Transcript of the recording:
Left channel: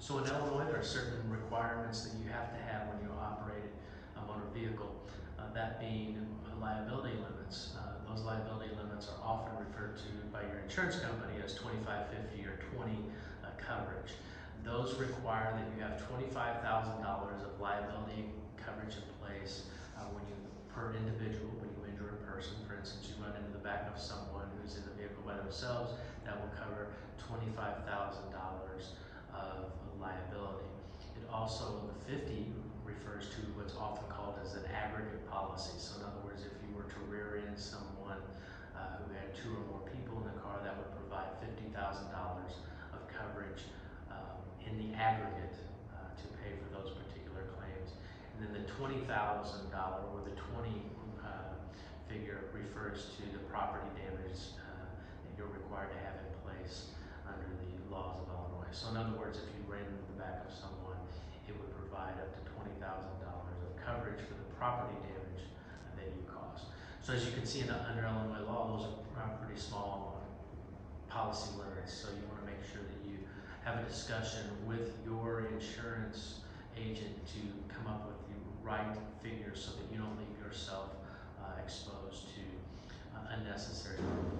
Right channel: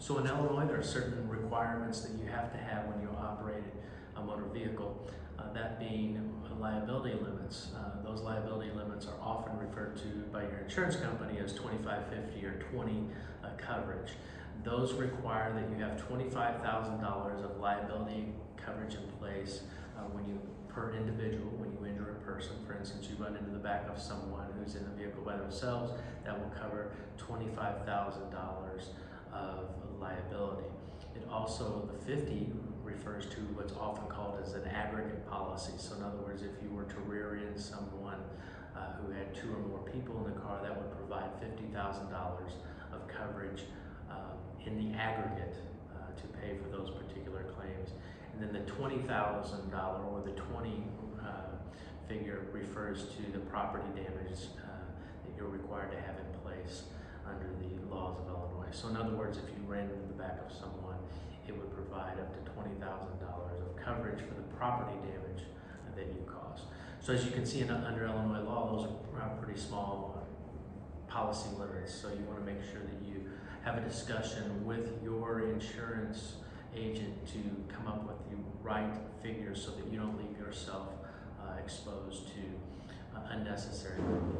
So in Illinois, there are certain requirements that you have to have when you operate a motor vehicle, that being liability limits. Those liability limits are often referred to by your insurance company as 25, 50, or 20 coverage. Those require that you have $25,000 of liability coverage in place per individual when you injure a person. For instance, you run into the back of someone who's in the vehicle by themselves, that will cover $25,000 of liability. It also, the 50 refers to what's often called as an aggregate policy. So in other words, if you were to rear end someone who had 2 or more people in the car, that would provide $50,000 of coverage in the aggregate to pay for those particular claims. And then the $20,000 or the 20 figure refers to the property damage that you're required to have in place under the laws of Illinois. So in other words, if you ran into the back of someone, it would provide up to $20,000 of coverage for the property damage that you caused. So as you can see under Illinois law, those are pretty small policy limits. So you want to make sure that you have a discussion with your insurance agent to come up with the right figures so that you don't leave yourself exposed to unnecessary liability.